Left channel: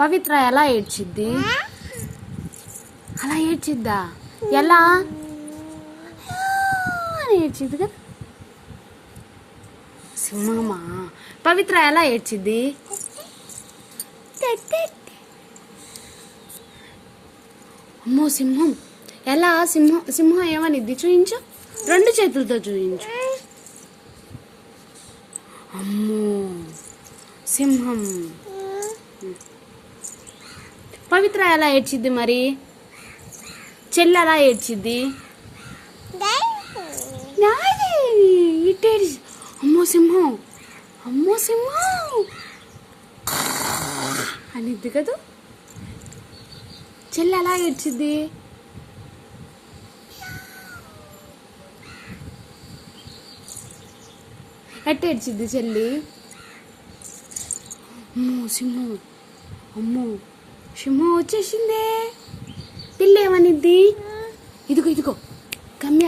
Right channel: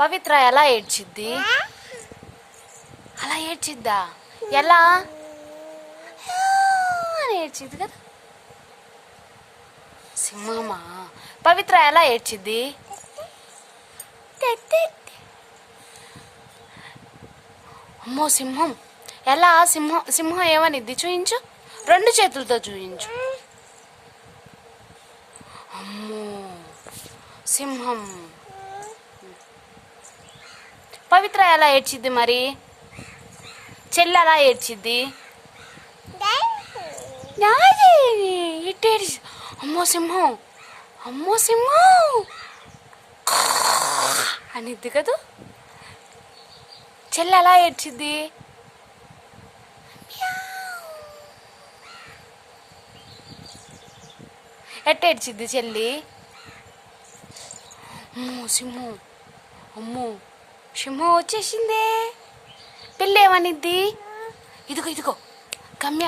పవిత్ర ఎలా ఏడ్చిద్ది? అలా ఏడ్చిద్దా? ఎలా అని ఏడ్చిద్ది కదా. సింహమా? పవిత్ర ఎలా ఏడ్చిద్ది? అమ్మో సింహం ఎలా? సింహం ఏమనిద్ది? చూయించు, 2 చేతులతో చూయించు. అమ్మో సింహం. పవిత్ర ఎలా ఏడ్చిద్ది మరి? చెల్లి ఎలా ఏడ్చిద్ది? ఇట్టేడ్చి అమ్మో సింహం, అమ్మో సింహం అనిద్ది కదా. చెల్లి ఎలా ఏడ్చిద్ది? ఎట్టేడ్చిద్ది చెల్లి? అమ్మో సింహం, అమ్మో సింహం వచ్చేసిందే. పిల్ల ఏమనిద్ది? ఇదిగో గమ్య,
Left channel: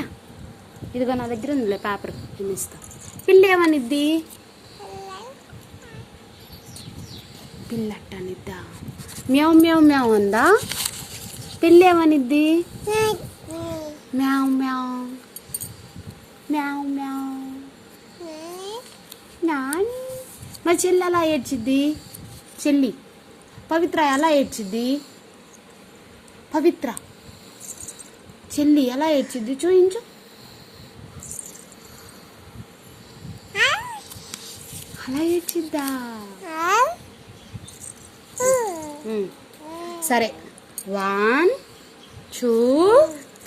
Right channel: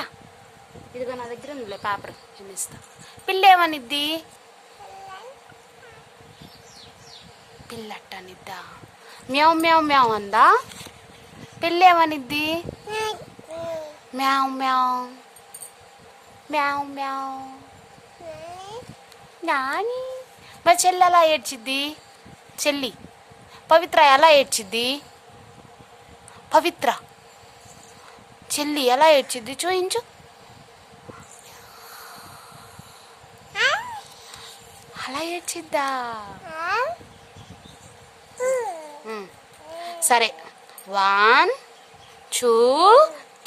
ఇదిగో నా దగ్గర ఉందిలే పేపర్, నేను ఇస్తా. పిల్ల ఏమనిద్ది? పిల్లట్ట అనిద్దా? మ్యావ్ మ్యావ్ మ్యావ్ అందా? పిల్ల ఏమనిద్ది? మ్యావ్ మ్యావ్ మ్యావ్ మ్యావ్ నాని. మరి చెల్లి ఎలా ఏడ్చిద్ది? చెల్లి పవిత్ర ఎలా ఏడ్చిద్ది? పవిత్ర చెల్లి ఎలా ఏడ్చిద్ది? చూయించు. అలా ఏడ్చిద్దా? సరే 1 2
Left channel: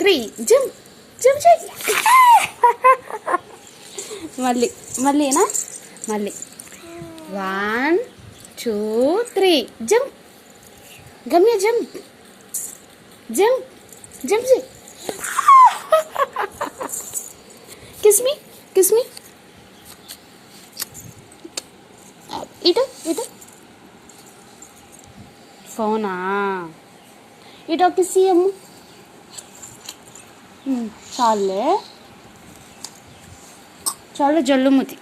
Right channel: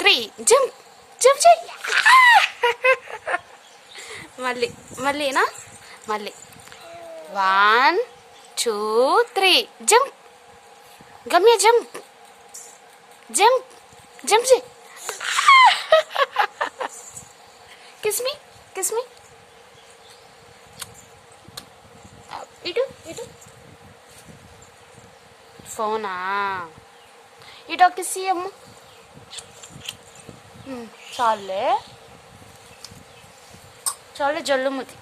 3 జంప్ జంప్ చెయ్యి. మళ్ళీనా? మళ్ళీ 1 2 3 జంప్. గమ్య జంప్ జంప్ జంప్ చెయ్యి. కిస్ మీ ఇటు ఫోనా? ఇటు కిస్ అమ్మ. చాలే జల్లుముతి.